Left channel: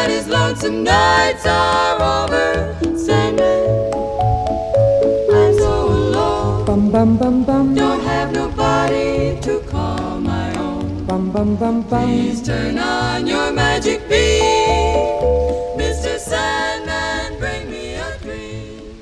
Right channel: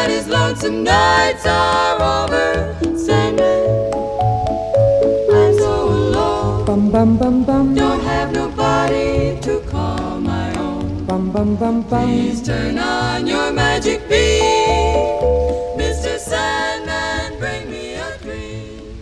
that his lonesome nights are over. Sandman, I'm so alone. Bum bum bum bum. Don't have nobody to call my own. Bum bum bum bum. Please turn on your magic beam, Mr. Sandman, bring me a dream.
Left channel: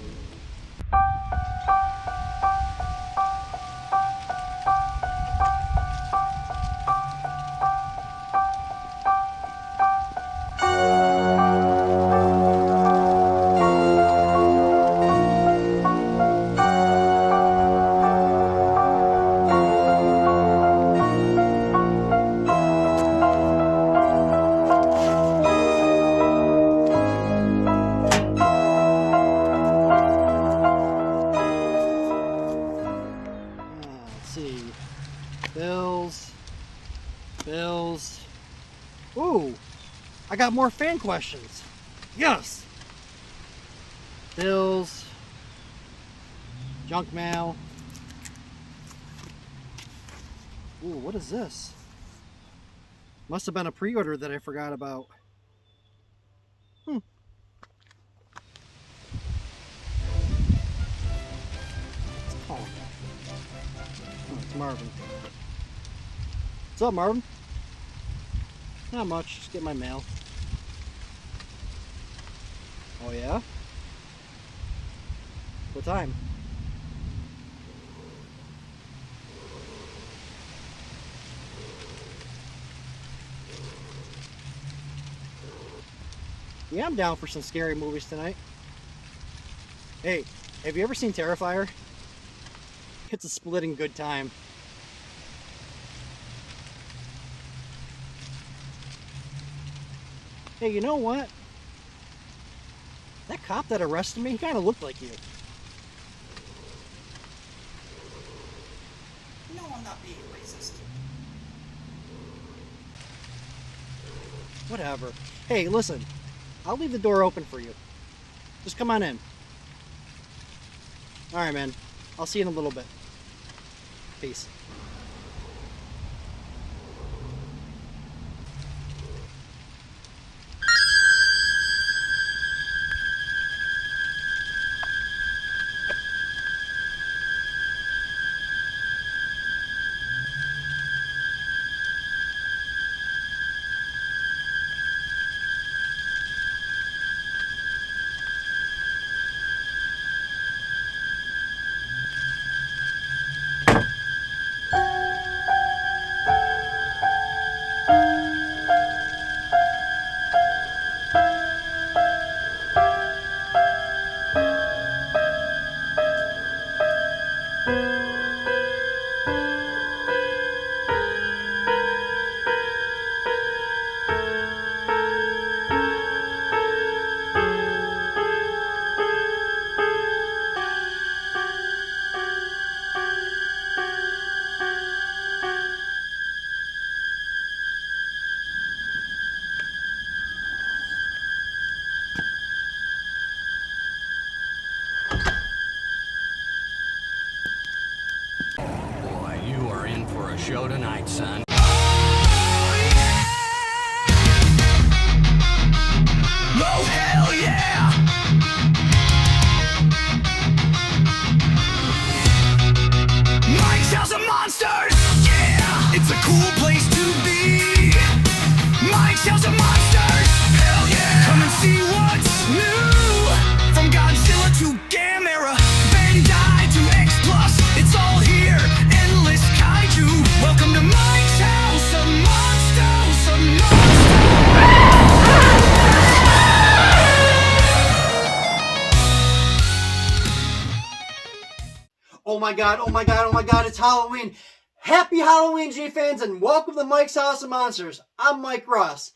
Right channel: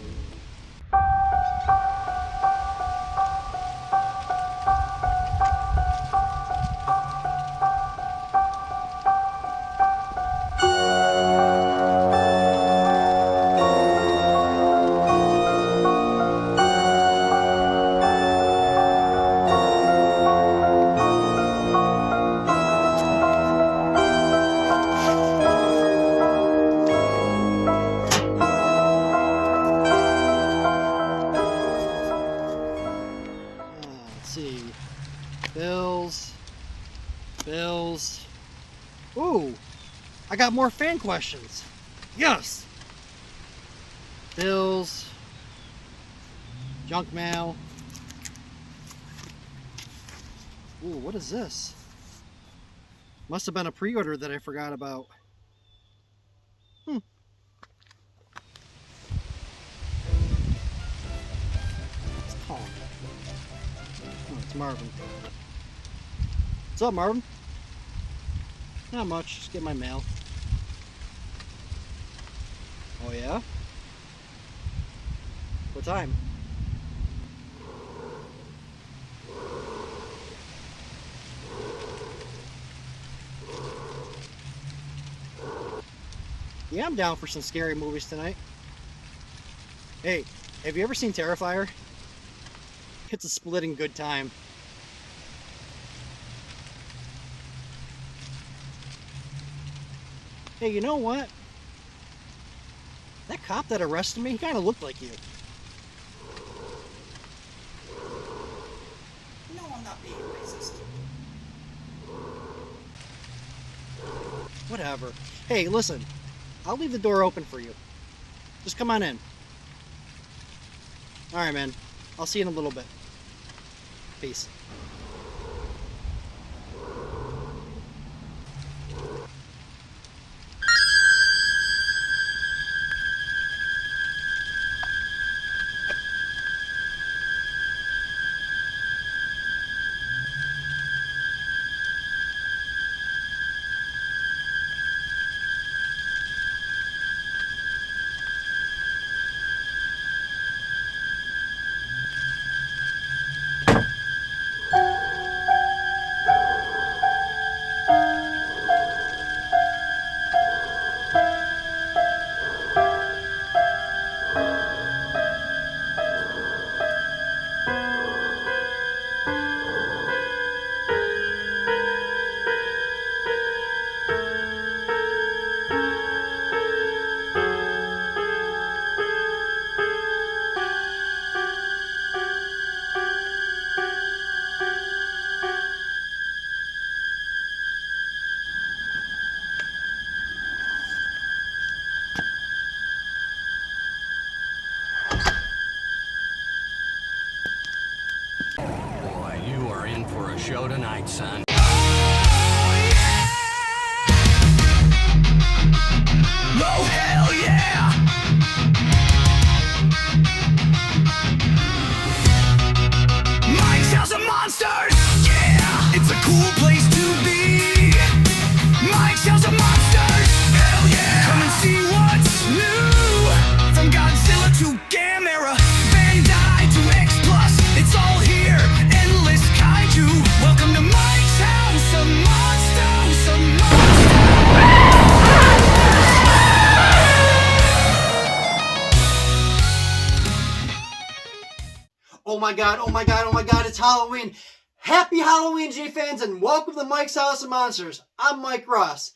Let's see. Bills. Ooh, I got more fan questions. Yes. Bills. Junk mail. Ooh, what is this? Must have been a pre-order that I forgot about. It's calling. Oh, it's Marvin. What's up, Marvin? Not much, just get my mail. Oh yeah? What time? Yeah, I'm down for some scary movies tonight. Hey, have you ever seen Terrifier? It's a splitting good time. Hey, you know what? That cop that arrested me, he kind of looked like you. No, I'm not being racist. Whatever. Hey, listen. I'll leave the door open for you. Just come on in. Alright, man. I'll see you in a little bit. Peace. Boy, you are in for a show tonight, son. Oh, hell yeah! Mike's House of Monsters! Yeah! It's a cool place to be! Mike's House of Monsters! Hell yeah! Come and see what's new! From Godzilla to Gamera, Bandai to X Plus, it's all here! Endless kaiju! Welcome to Mike's House of Monsters! Of Monsters! Oh my god, it's Halloween! Happy Halloween, G-fans, and welcome to Mike's House of Monsters. I'm Mike Ross.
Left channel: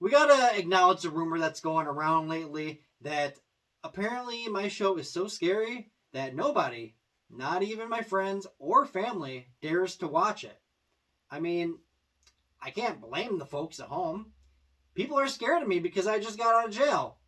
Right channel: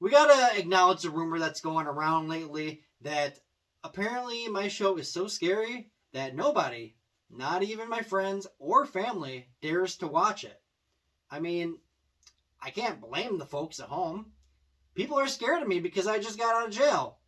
We gotta acknowledge the rumor that's going around lately that apparently my show is so scary that nobody, not even my friends or family, dares to watch it. I mean, I can't blame the folks at home. People are scared of me because I just got out of jail.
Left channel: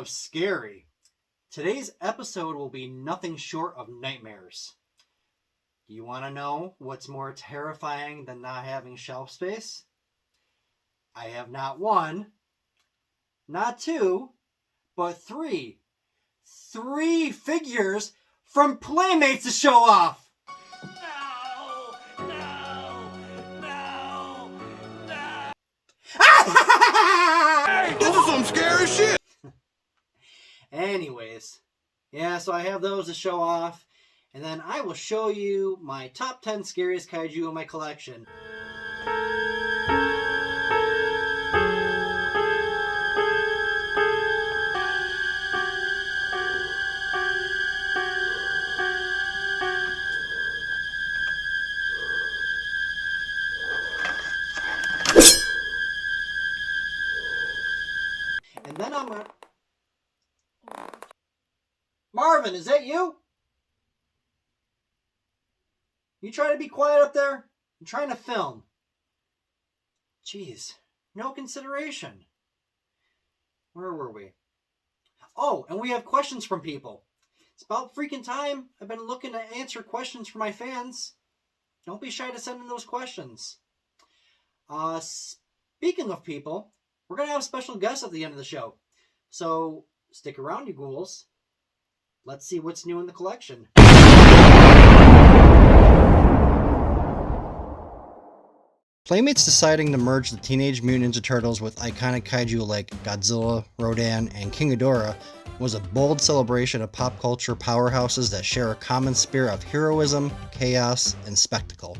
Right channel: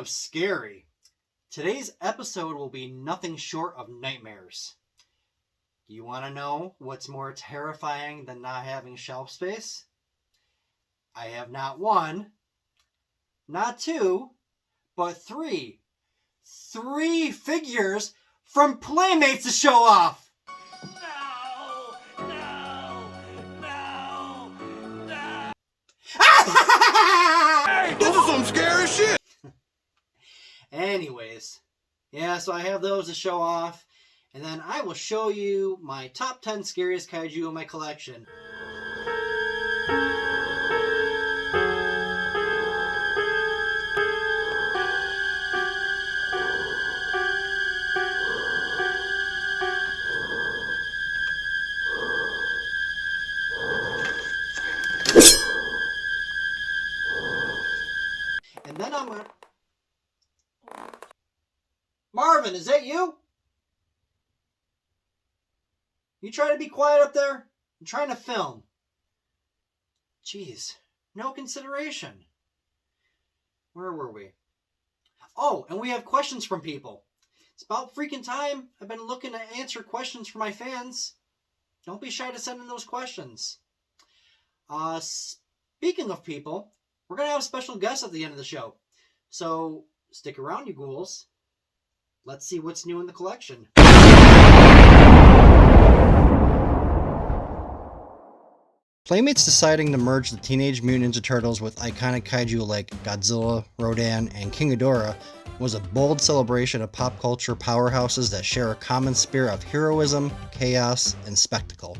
of scary, today's episode will be nothing short of nightmares. Do you want to know what's more terrifying than not having shelf space? I have not one, not two, but three figures from Playmates to show off. No, no, no, no. This is some scary shit. Anyways, yeah, so I have those to show off, and then I will show you my top 10 scariest kaiju in my collection. And then I'm gonna... Marvin, is that you? You try to be quiet up there? I'm trying to film. Jeez, no consideration. Where were we? Oh, and we have questions from people. It's about freaking time. I've been looking to answer questions from my fans. Don't be shy to send in those questions. Speaking of people, we're going to have a special guest at the end of the show. So stick around, you ghouls. Let's see what's new in the collection. Playmates deciding to merge the Teenage Mutant Ninja Turtles with iconic kaiju like Godzilla, Rodan, and King Ghidorah was a bold celebration of pop culture powerhouses that share a common spirit of heroism, chaos, and spectacle.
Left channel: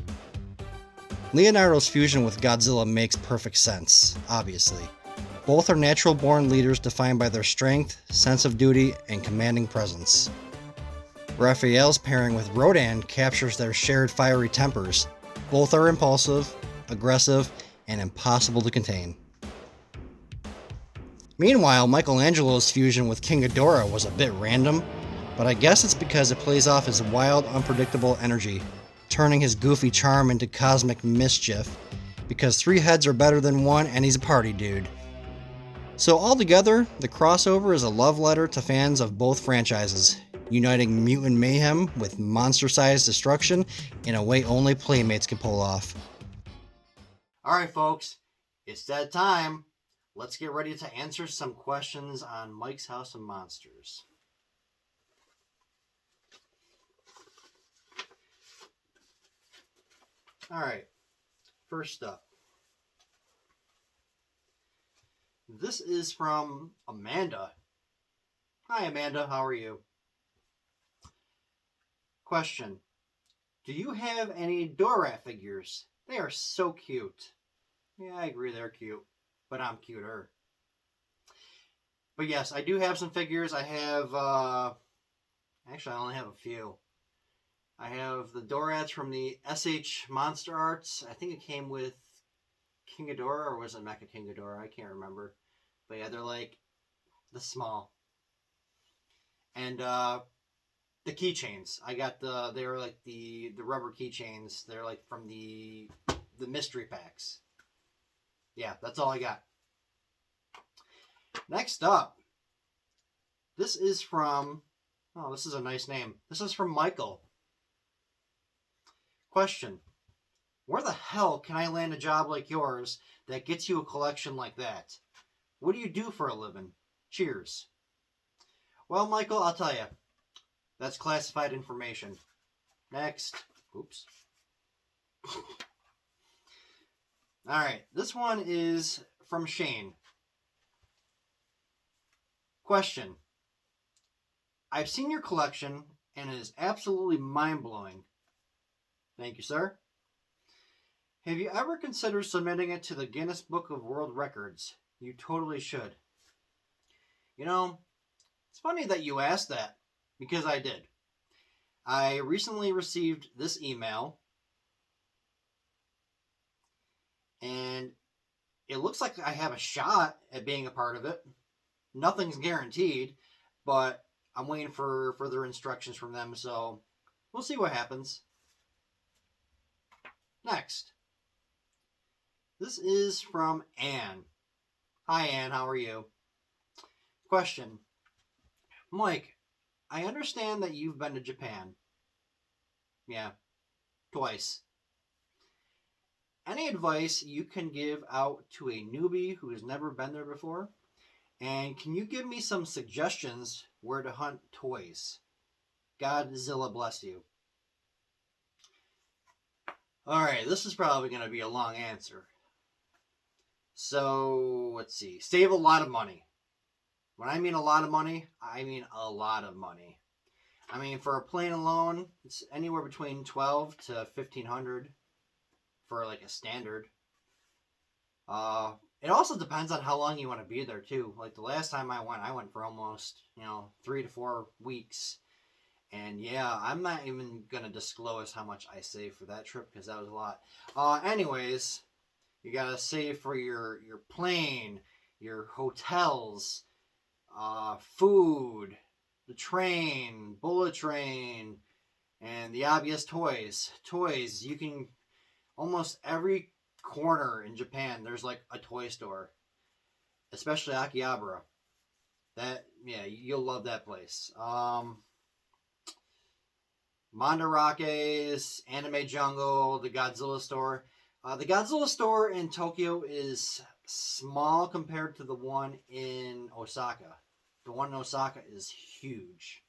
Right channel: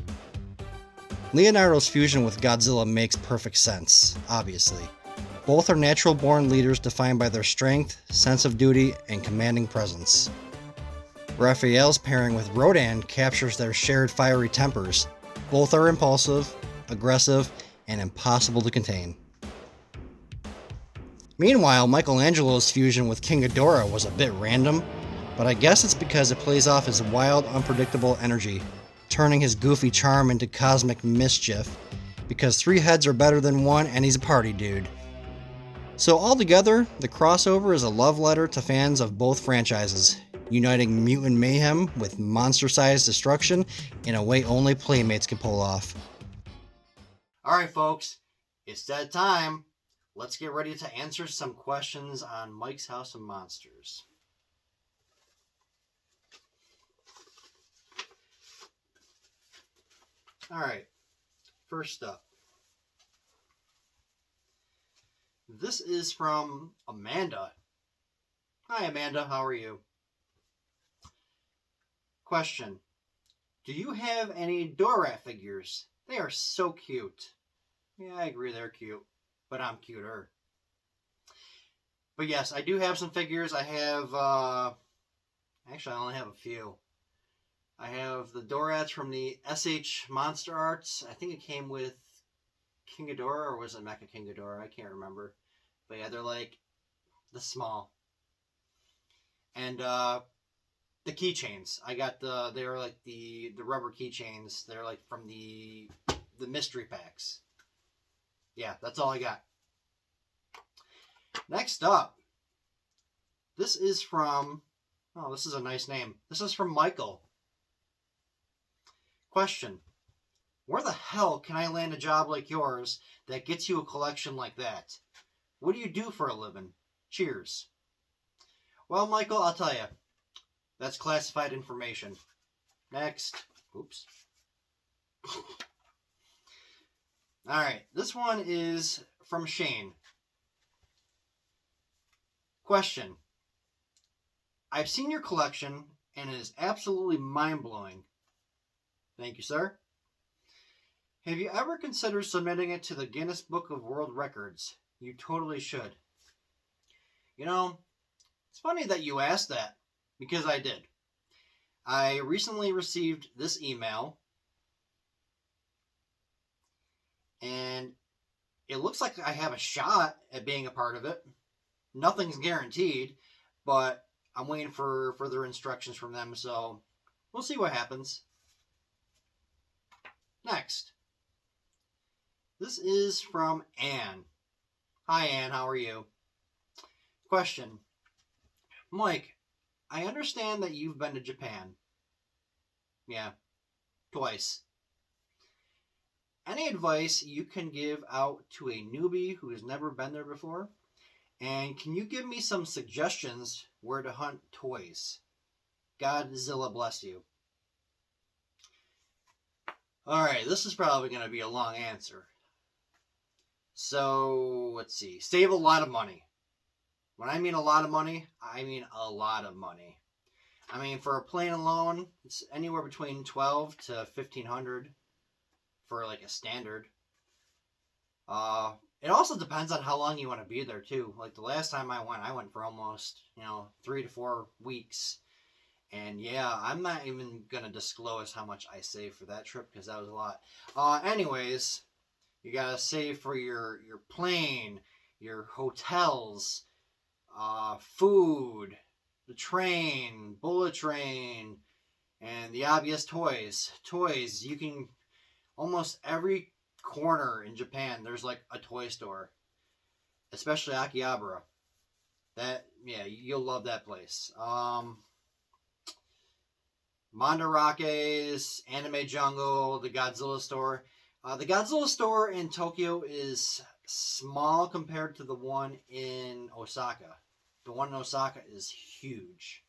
Leonardo's fusion with Godzilla makes perfect sense, obviously. Both are natural-born leaders defined by their strength, sense of duty, and commanding presence. Raphael's pairing with Rodan captures their shared fiery tempers. Both are impulsive, aggressive, and impossible to contain. Meanwhile, Michelangelo's fusion with King Ghidorah was a bit random, but I guess it's because it plays off his wild, unpredictable energy, turning his goofy charm into cosmic mischief, because 3 heads are better than 1 and he's a party dude. So altogether, the crossover is a love letter to fans of both franchises, uniting mutant mayhem with monster-sized destruction in a way only Playmates can pull off. Alright folks, it's that time. Let's get ready to answer some questions on Mike's House of Monsters. Alright, first up. This is from Amanda. Hi Amanda, how are you? Question. Do you have any Dorat figures? They are so cute. Yeah, I agree they're cute, but I'm cuter. But yes, I do have some figures. I have, actually I only have a few. I have the Dorats from the SH Monster Arts. I think it came with King Ghidorah, or was it Mecha King Ghidorah? I can't remember. But yeah, they're like the small. And the keychains. I got they're like the rubber keychains. They're like from the mystery packs. Yeah, that's all I got. Next up. This is from, oh, this is a nice name. This is from Michael. Question. Where the hell can I land a job like yours that gets you a collection like that? What do you do for a living? Cheers. Well, Michael, I'll tell you. That's classified information. Next. Oops. Alright, this one is from Shane. Question. I've seen your collection, and it is absolutely mind-blowing. Thank you, sir. Have you ever considered submitting it to the Guinness Book of World Records? You totally should. You know, it's funny that you asked that, because I did. I recently received this email, and it looks like I have a shot at being a part of it. Nothing's guaranteed, but I'm waiting for further instructions from them, so we'll see what happens. Next. This is from Anne. Hi Anne, how are you? Question. Mike, I understand that you've been to Japan. Yeah, twice. Any advice you can give out to a newbie who has never been there before? And can you give me some suggestions where to hunt toys? Godzilla bless you. Alright, this is probably going to be a long answer. So, let's see. Save a lot of money. When I mean a lot of money, I mean a lot of money. I mean, for a plane alone, it's anywhere between $1,200 to $1,500 for like a standard. It also depends on how long you want to be there too. Like the last time I went for almost 3 to 4 weeks. And yeah, I'm not even gonna disclose how much I saved for that trip because that was a lot. Anyways, you gotta save for your plane, your hotels, food, the train, bullet train, and the obvious toys. Toys, you can almost every corner in Japan there's like a toy store, especially Akihabara. You'll love that place. Mandarake's, Anime Jungle, the Godzilla store. The Godzilla store in Tokyo is small compared to the one in Osaka. The one in Osaka is huge.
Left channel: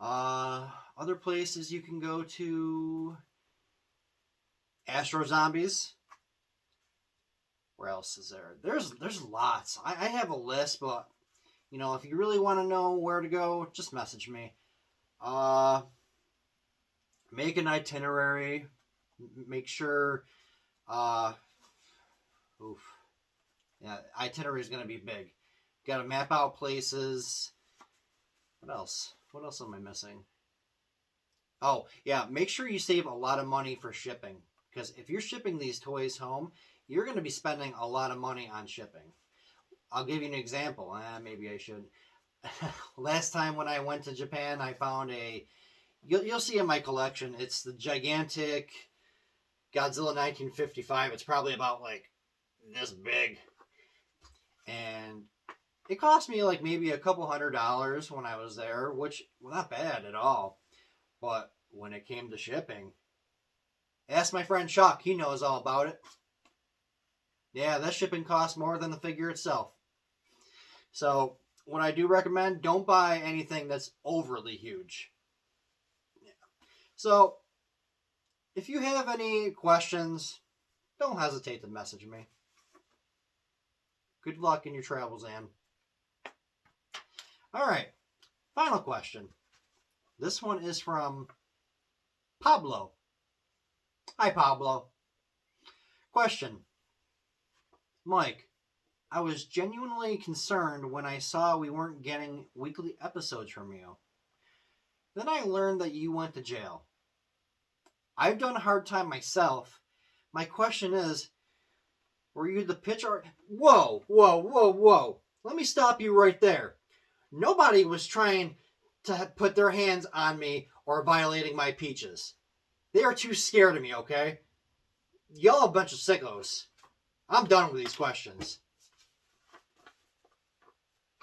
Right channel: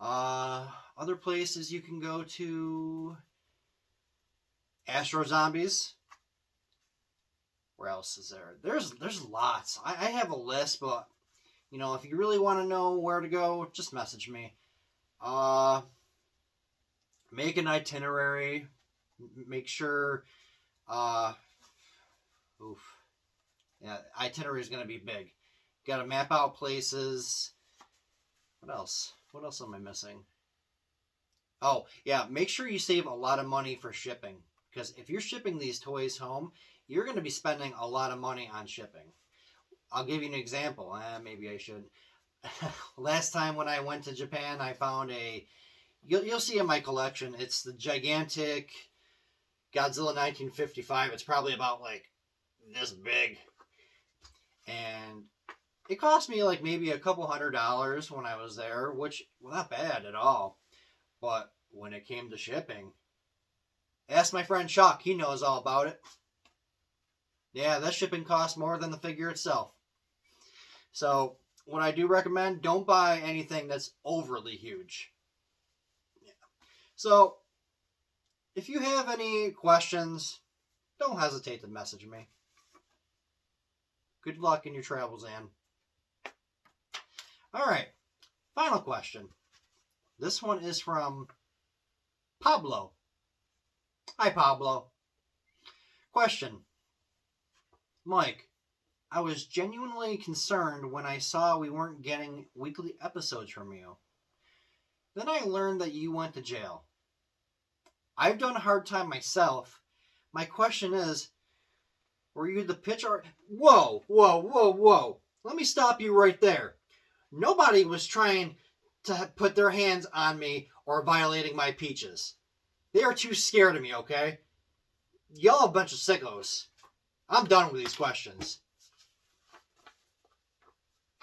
Other places you can go to: Astro Zombies. Where else is there? There's lots. I have a list, but if you really want to know where to go, just message me. Make an itinerary. Make sure. Itinerary is going to be big. Got to map out places. What else? What else am I missing? Oh, yeah. Make sure you save a lot of money for shipping. Because if you're shipping these toys home, you're going to be spending a lot of money on shipping. I'll give you an example. Maybe I should. Last time when I went to Japan, I found you'll see in my collection, it's the gigantic Godzilla 1955. It's probably about like this big. And it cost me like maybe a couple $100 when I was there, which was not bad at all. But when it came to shipping, ask my friend Chuck. He knows all about it. Yeah, that shipping costs more than the figure itself. So what I do recommend, don't buy anything that's overly huge. Yeah. So if you have any questions, don't hesitate to message me. Good luck in your travels, Ann. All right, final question. This one is from Pablo. Hi, Pablo. Question. Mike, I was genuinely concerned when I saw we weren't getting weekly episodes from you. Then I learned that you went to jail. I've done a hard time myself. My question is, were you the pitcher? Whoa. Let me stop you right there. Nobody was trying to put their hands on me or violating my peaches. They are too scared of me, okay? Y'all a bunch of sickos. I'm done with these questions.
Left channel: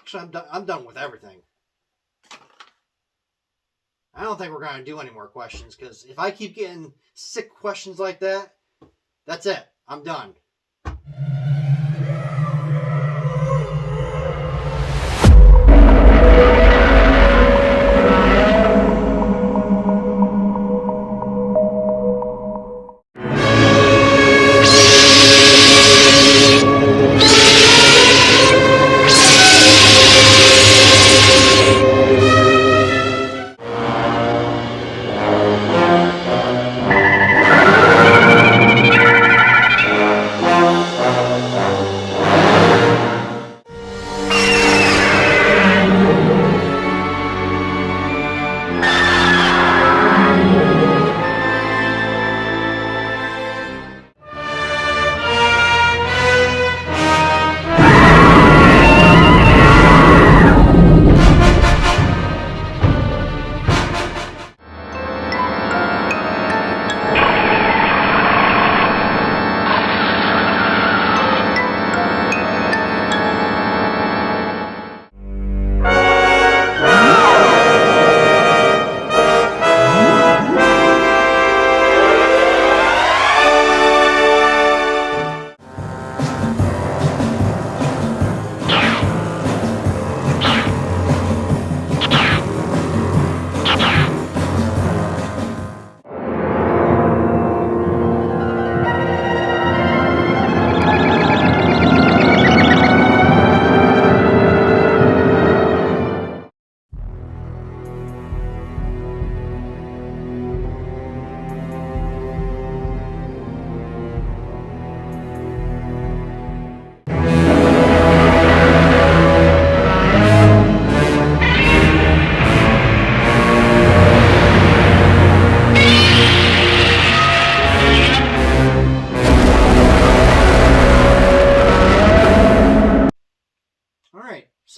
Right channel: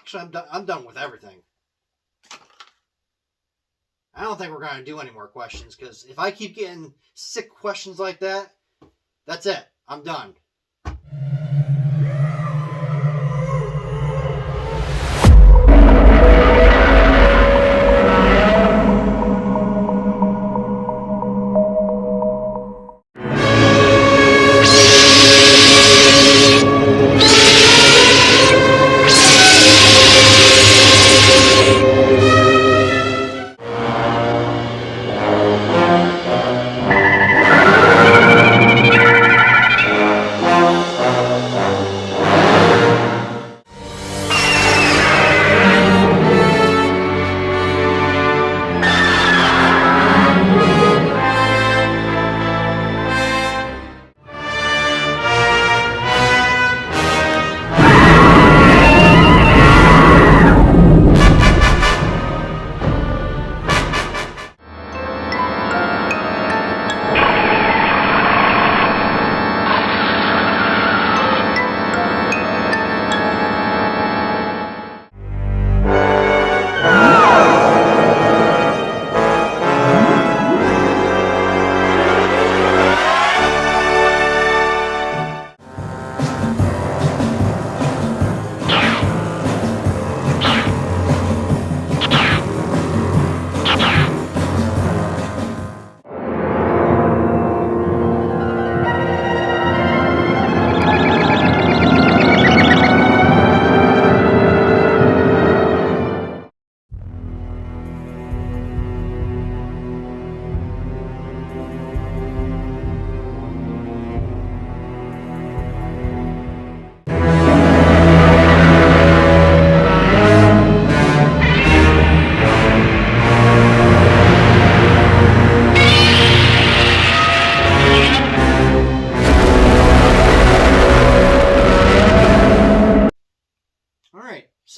Actually, I'm done with everything. I don't think we're going to do any more questions, because if I keep getting sick questions like that, that's it. I'm done.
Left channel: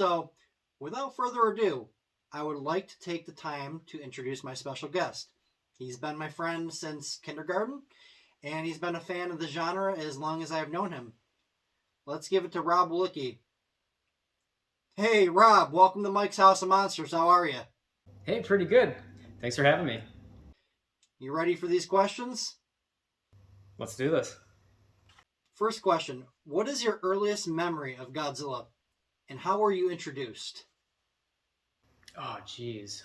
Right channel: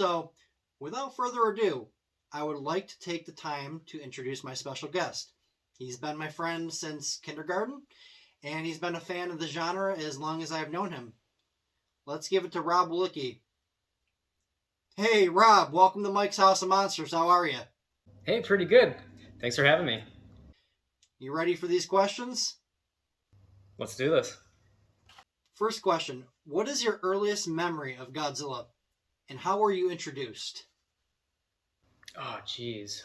So, without further ado, I would like to take the time to introduce my special guest. He's been my friend since kindergarten, and he's been a fan of the genre as long as I've known him. Let's give it to Rob Willicke. Hey, Rob, welcome to Mike's House of Monsters. How are you? Hey, pretty good. Thanks for having me. You ready for these questions? Let's do this. First question, what is your earliest memory of Godzilla, and how were you introduced? Oh, geez.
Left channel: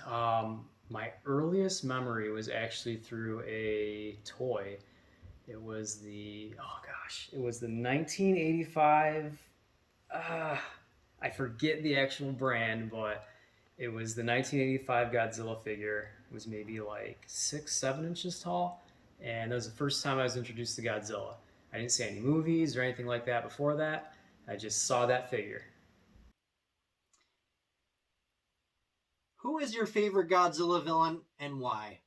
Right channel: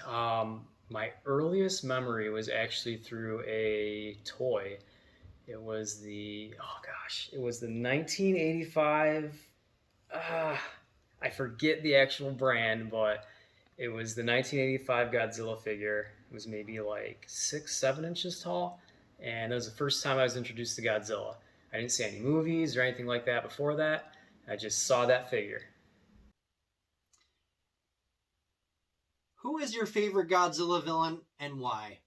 My earliest memory was actually through a toy. It was the 1985, I forget the actual brand, but it was the 1985 Godzilla figure. It was maybe like 6-7 inches tall, and that was the first time I was introduced to Godzilla. I didn't see any movies or anything like that before that. I just saw that figure. Who is your favorite Godzilla villain and why?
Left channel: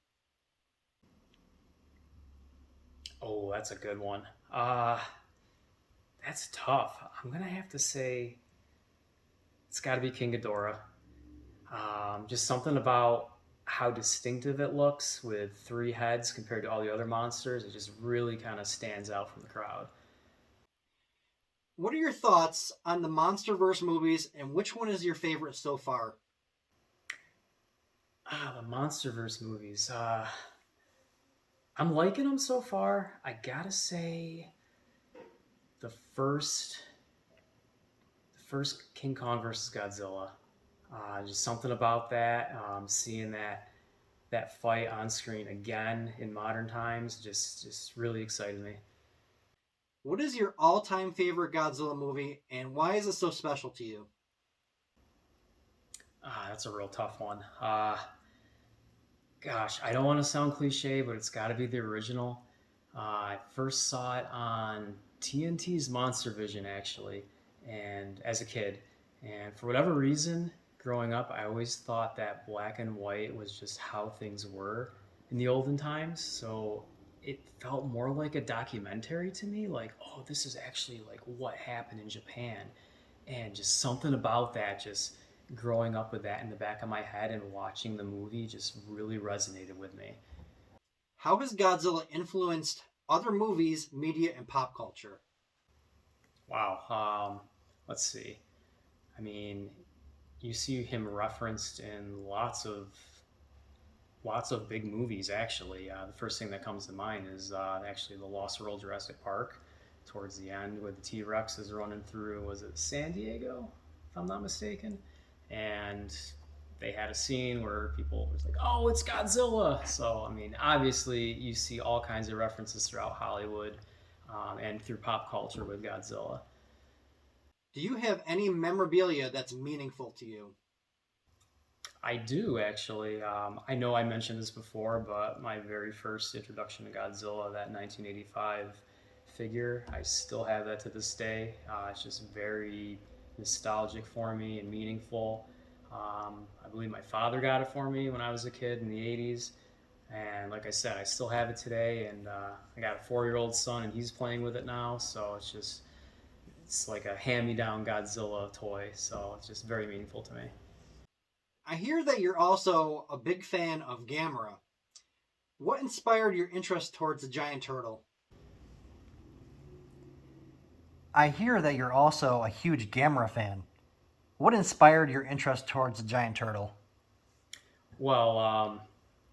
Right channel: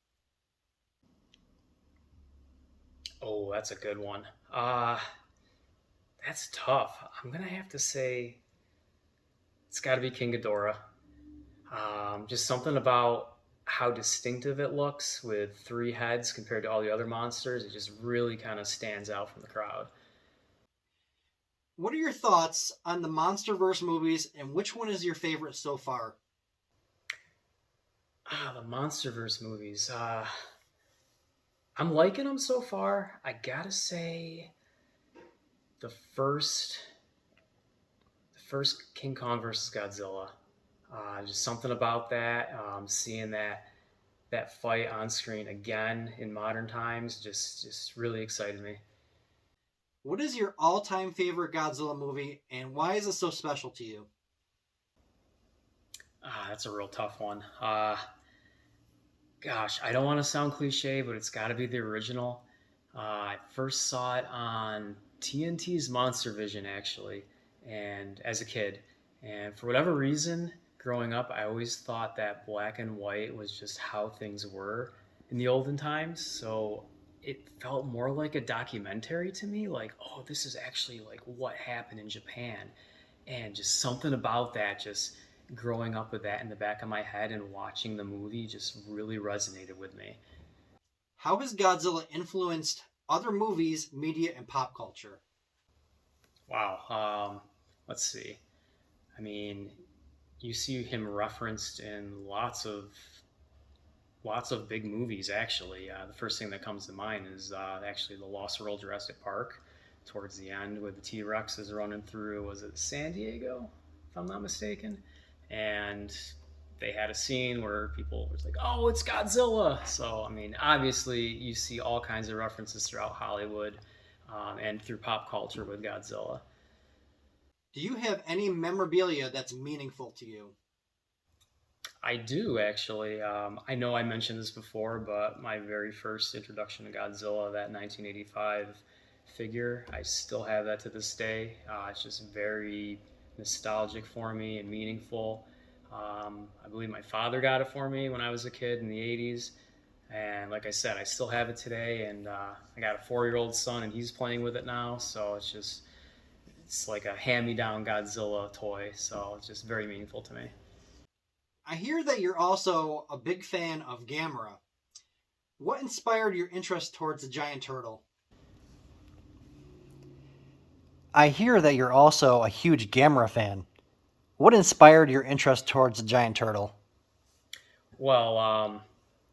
Oh, that's a good one. That's tough. I'm gonna have to say it's got to be King Ghidorah. Just something about how distinctive it looks with 3 heads compared to all the other monsters. It just really kind of stands out from the crowd. What are your thoughts on the MonsterVerse movies, and which one is your favorite so far? The MonsterVerse movies. I'm liking them so far. I gotta say, the first King Kong versus Godzilla. Just something about that. Seeing that fight on screen again in modern times just really excited me. What is your all-time favorite Godzilla movie, and why is it so special to you? That's a real tough one. Gosh, I don't want to sound cliche, but it's got to be the original. I first saw it on TNT's Monster Vision, actually, and as a kid. And for whatever reason, growing up, I always thought that black and white was just how things were in the olden times. So it felt more like a documentary to me, like, oh, this is actually like what happened in Japan. And just something about that, just growing up with that in the back of my head and watching the movie just really resonated with me. How has Godzilla influenced other movies, media, and pop culture? Wow. Let's see. I mean, you see him referenced in lots of big movies, actually. The first thing that comes to mind is actually the Lost World Jurassic Park towards the end, where the T-Rex is running through, was it San Diego, if I'm not mistaken? And they had a scene where people were like, oh, it's Godzilla. So, I mean, obviously you see all kinds of references throughout Hollywood and through pop culture with Godzilla. Do you have any memorabilia that's meaningful to you? I do, actually. I know I mentioned this before, but my very first introduction to Godzilla, that 1985 figure, I still have that to this day. It's just very nostalgic for me and meaningful. I believe my father got it for me when I was a kid in the 80s. And like I said, I still have it today. And I got a 4-year-old son, and he's playing with it now. So it's like a hand-me-down Godzilla toy. So it's just very meaningful to me. I hear that you're also a big fan of Gamera. What inspired your interest towards the giant turtle? I hear that you're also a huge Gamera fan. What inspired your interest towards the giant turtle? Well,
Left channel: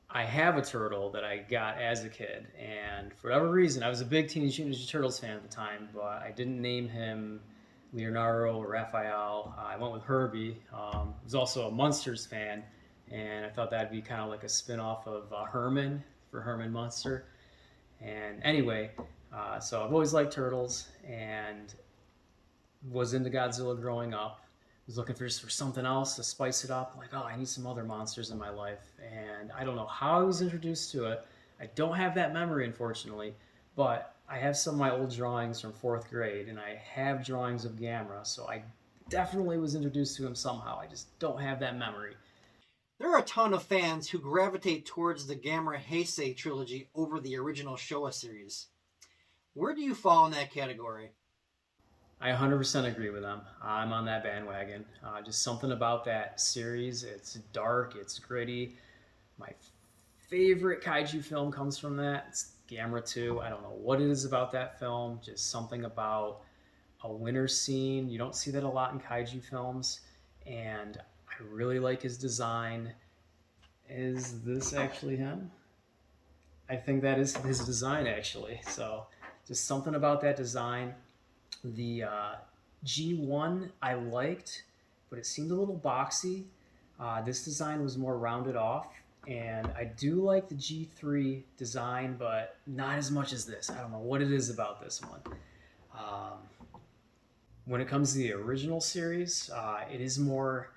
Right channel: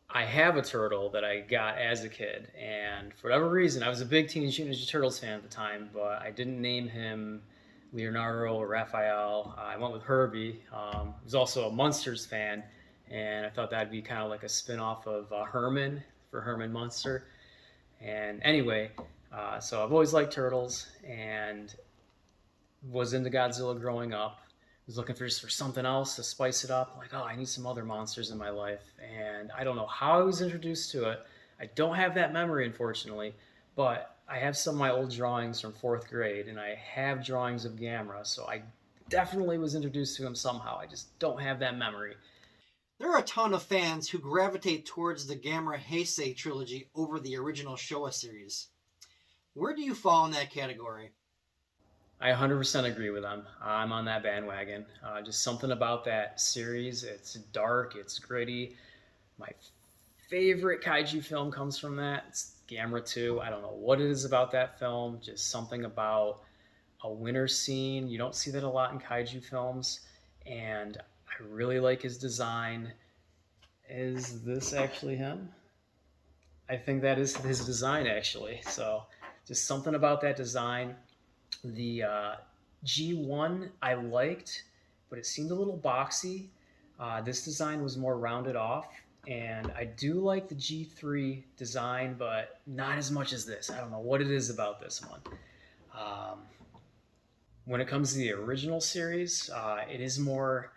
I have a turtle that I got as a kid, and for whatever reason, I was a big Teenage Mutant Ninja Turtles fan at the time, but I didn't name him Leonardo or Raphael. I went with Herbie. I was also a Munsters fan, and I thought that'd be kind of like a spin-off of Herman for Herman Munster. And anyway, so I've always liked turtles and was into Godzilla growing up. Was looking for something else to spice it up. Like, oh, I need some other monsters in my life. And I don't know how I was introduced to it. I don't have that memory, unfortunately, but I have some of my old drawings from 4th grade, and I have drawings of Gamera, so I definitely was introduced to him somehow. I just don't have that memory. There are a ton of fans who gravitate towards the Gamera Heisei trilogy over the original Showa series. Where do you fall in that category? I 100% agree with them. I'm on that bandwagon. Just something about that series. It's dark, it's gritty. My favorite kaiju film comes from that. It's Gamera 2. I don't know what it is about that film. Just something about a winter scene. You don't see that a lot in kaiju films. And I really like his design. Is this actually him? I think that is his design, actually. So just something about that design. The G1 I liked, but it seemed a little boxy. This design was more rounded off, and I do like the G3 design, but not as much as this. I don't know what it is about this one. When it comes to the original series, it is more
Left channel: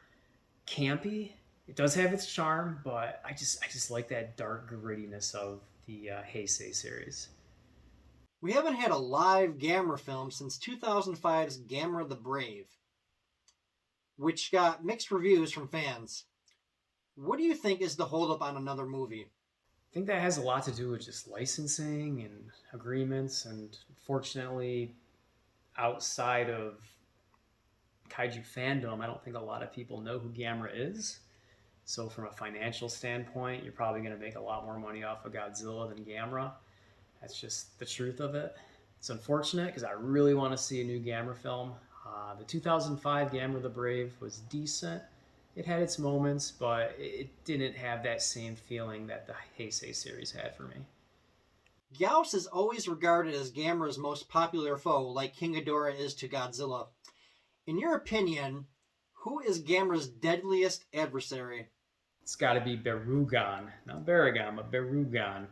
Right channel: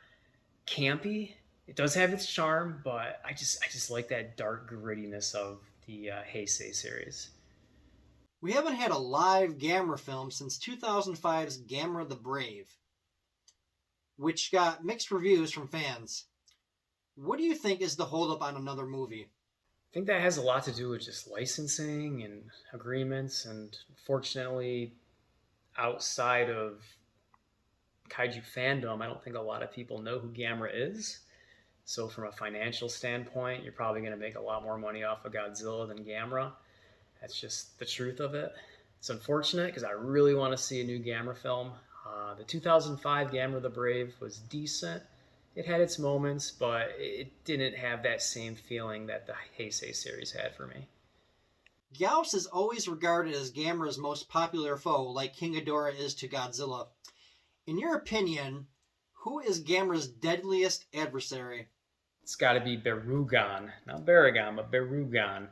campy. It does have its charm, but I just like that dark grittiness of the Heisei series. We haven't had a live Gamera film since 2005's Gamera the Brave, which got mixed reviews from fans. What do you think is the holdup on another movie? I think that has a lot to do with just licensing and agreements, and fortunately, outside of kaiju fandom, I don't think a lot of people know who Gamera is. So from a financial standpoint, you're probably going to make a lot more money off of Godzilla than Gamera. That's just the truth of it. It's unfortunate because I really want to see a new Gamera film. The 2005 Gamera the Brave was decent. It had its moments, but it didn't have that same feeling that the Heisei series had for me. Gyaos is always regarded as Gamera's most popular foe, like King Ghidorah is to Godzilla. In your opinion, who is Gamera's deadliest adversary? It's got to be Barugan. Not Baragon, but Barugan.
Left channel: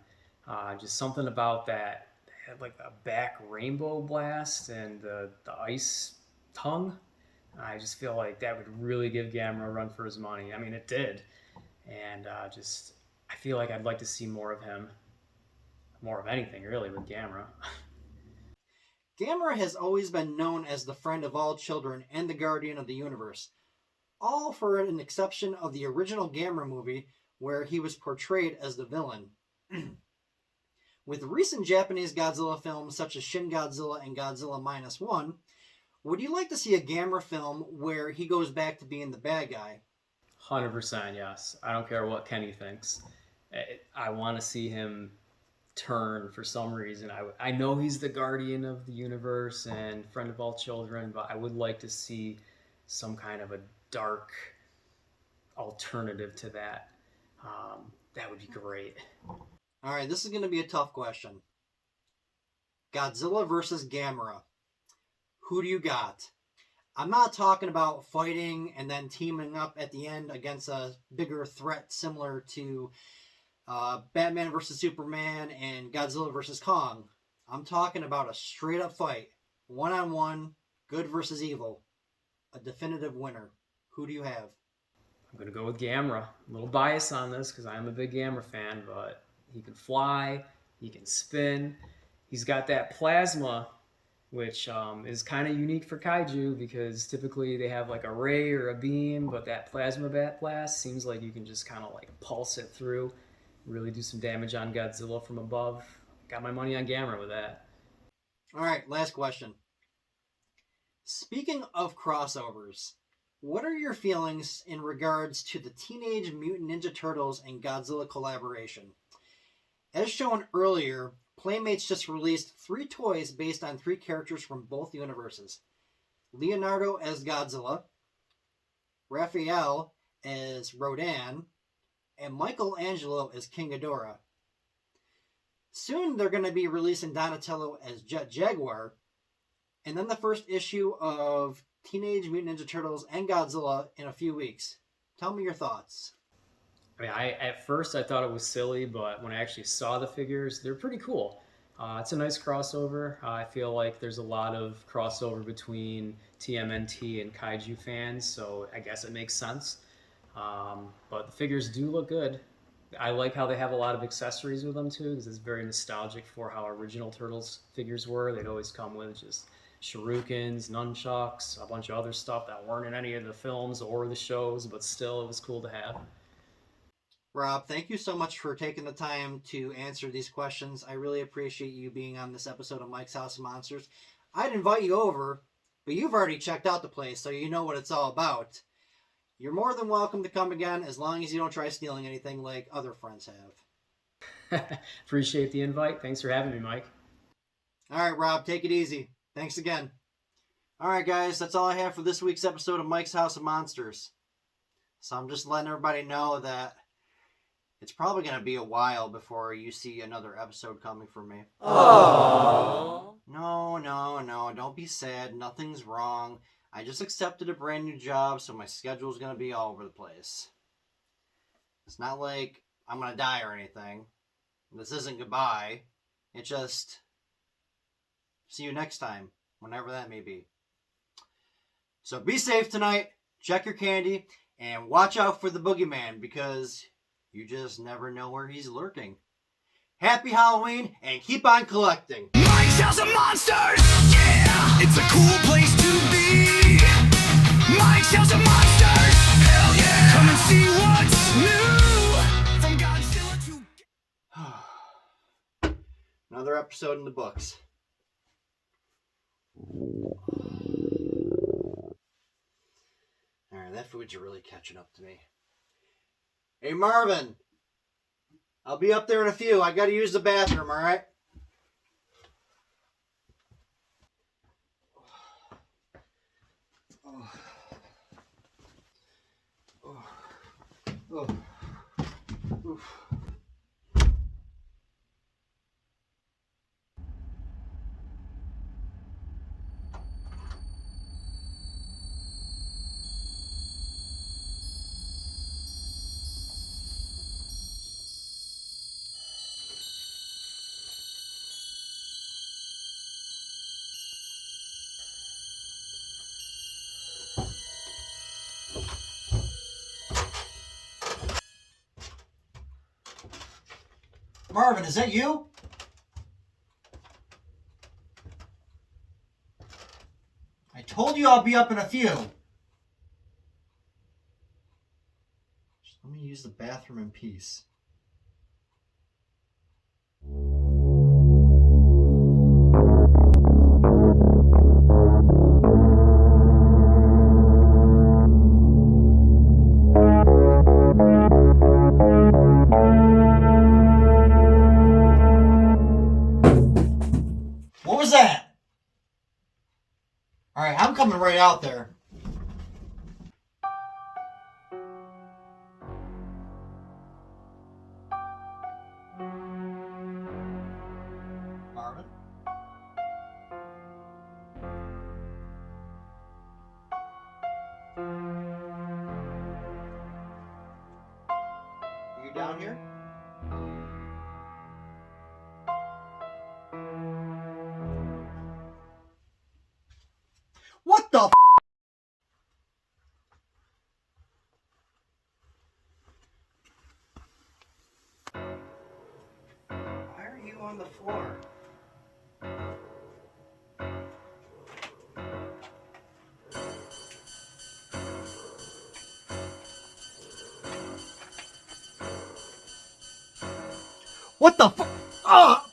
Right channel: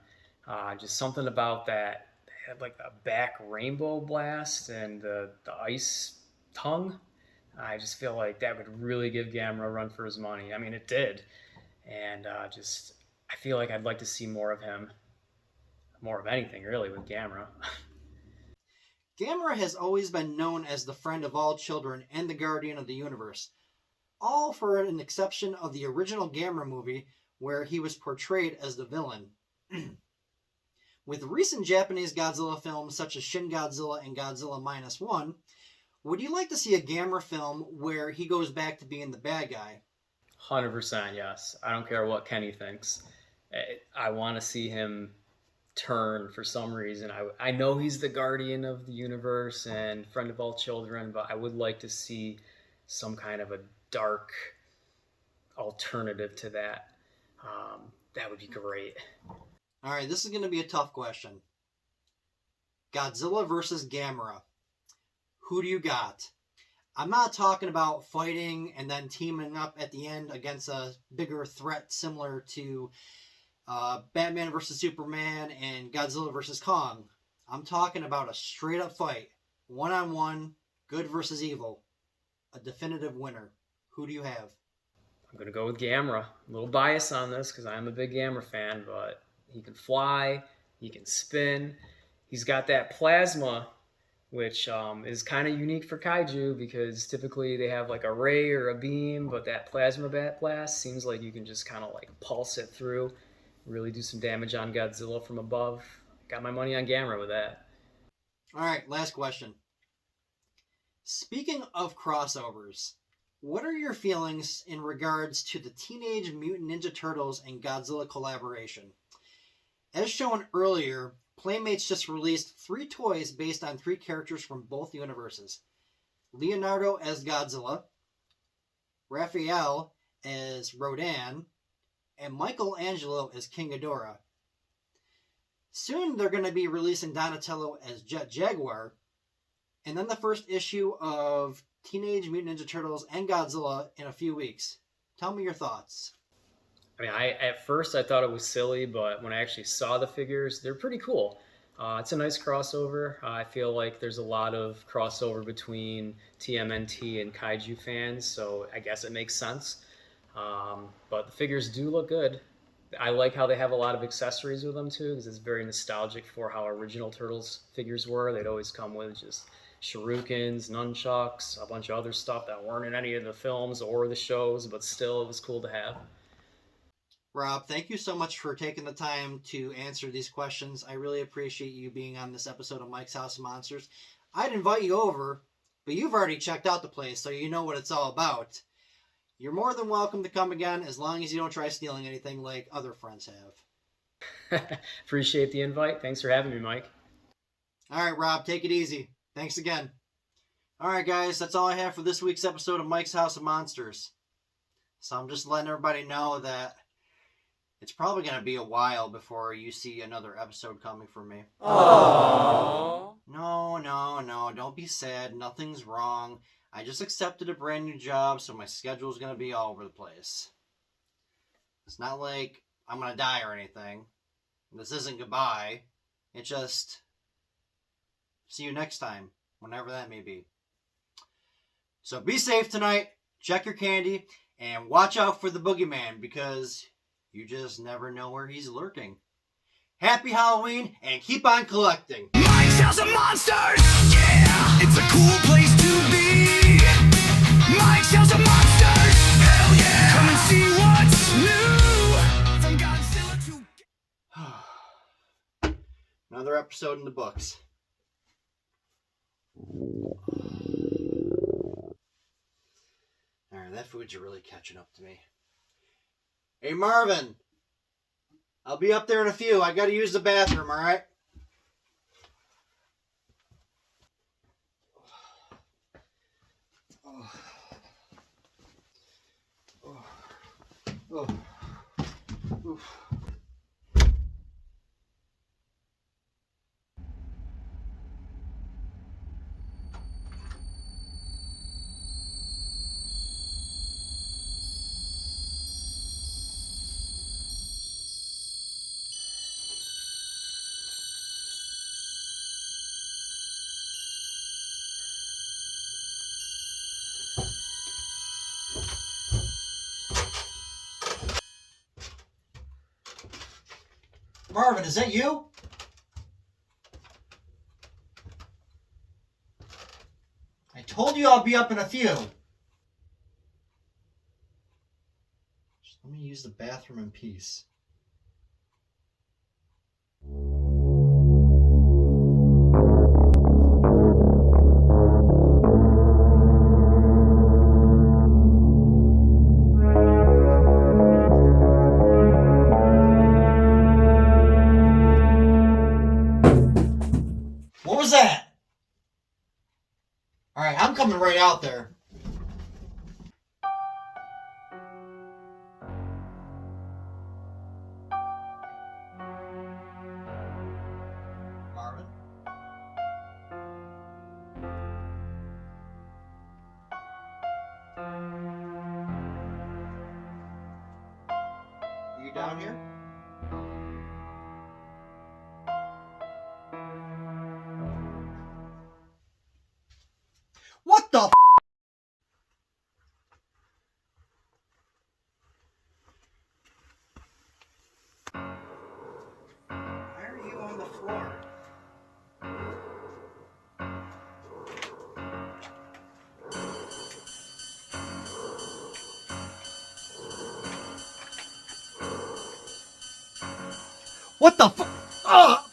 Just something about that. They had like a back rainbow blast and the ice tongue. I just feel like that would really give Gamera a run for his money. I mean, it did. And I feel like I'd like to see more of him. More of anything, really, with Gamera. Gamera has always been known as the friend of all children and the guardian of the universe. All for an exception of the original Gamera movie, where he was portrayed as the villain. With recent Japanese Godzilla films such as Shin Godzilla and Godzilla Minus One, would you like to see a Gamera film where he goes back to being the bad guy? 100% yes. I don't care what Kenny thinks. I want to see him turn for some reason. I know he's the guardian of the universe and friend of all children, but I would like to see some kind of a dark alternative to that. That would be great. All right, this is going to be a tough question. Godzilla versus Gamera. Who do you got? I'm not talking about fighting and then teaming up at the end against a bigger threat similar to Batman versus Superman and Godzilla versus Kong. I'm talking about a straight up fight. One-on-one, good versus evil. A definitive winner. Who do you have? I'm going to go with Gamera. A little bias on this because I'm a big Gamera fan, but he can fly, he can spin. He's got that plasma, which is kind of unique for kaiju because typically they have like a ray or a beam, but that plasma bat blast seems like you can just kind of like pulse it through, really do some damage on Godzilla from above. Got my money on Gamera with that. All right, last question. Speaking of crossovers, what are your feelings in regards to the Teenage Mutant Ninja Turtles and Godzilla collaboration? As shown earlier, Playmates just released 3 toys based on 3 characters from both universes. Leonardo as Godzilla, Raphael as Rodan, and Michelangelo as King Ghidorah. Soon they're going to be releasing Donatello as Jet Jaguar, and then the first issue of Teenage Mutant Ninja Turtles and Godzilla in a few weeks. Tell me your thoughts. I mean, at first I thought it was silly, but when I actually saw the figures, they're pretty cool. It's a nice crossover. I feel like there's a lot of crossover between TMNT and Kaiju fans, so I guess it makes sense. But the figures do look good. I like how they have a lot of accessories with them too, because it's very nostalgic for how original Turtles figures were. They'd always come with just shurikens, nunchucks, a bunch of other stuff that weren't in any of the films or the shows, but still it was cool to have. Rob, thank you so much for taking the time to answer these questions. I really appreciate you being on this episode of Mike's House of Monsters. I'd invite you over, but you've already checked out the place, so you know what it's all about. You're more than welcome to come again, as long as you don't try stealing anything like other friends have. Appreciate the invite. Thanks for having me, Mike. All right, Rob, take it easy. Thanks again. All right, guys, that's all I have for this week's episode of Mike's House of Monsters. So I'm just letting everybody know that it's probably going to be a while before you see another episode coming from me. Aww. No, don't be sad. Nothing's wrong. I just accepted a brand new job, so my schedule's going to be all over the place. It's not like I'm going to die or anything. This isn't goodbye. It's just see you next time, whenever that may be. So be safe tonight. Check your candy. And watch out for the boogeyman, because you just never know where he's lurking. Happy Halloween, and keep on collecting. Mike's House of Monsters, yeah! It's a cool place to be. Mike's House of Monsters, hell yeah! Come and see what's new. From Godzilla to... Another episode in the books. Alright, that food's really catching up to me. Hey, Marvin. I'll be up there in a few. I gotta use the bathroom, alright? Oof. Marvin, is that you? I told you I'll be up in a few. Just let me use the bathroom in peace. What was that? All right, I'm coming right out there. Marvin? Are you down here? What the f? Why are you on the floor? What the f?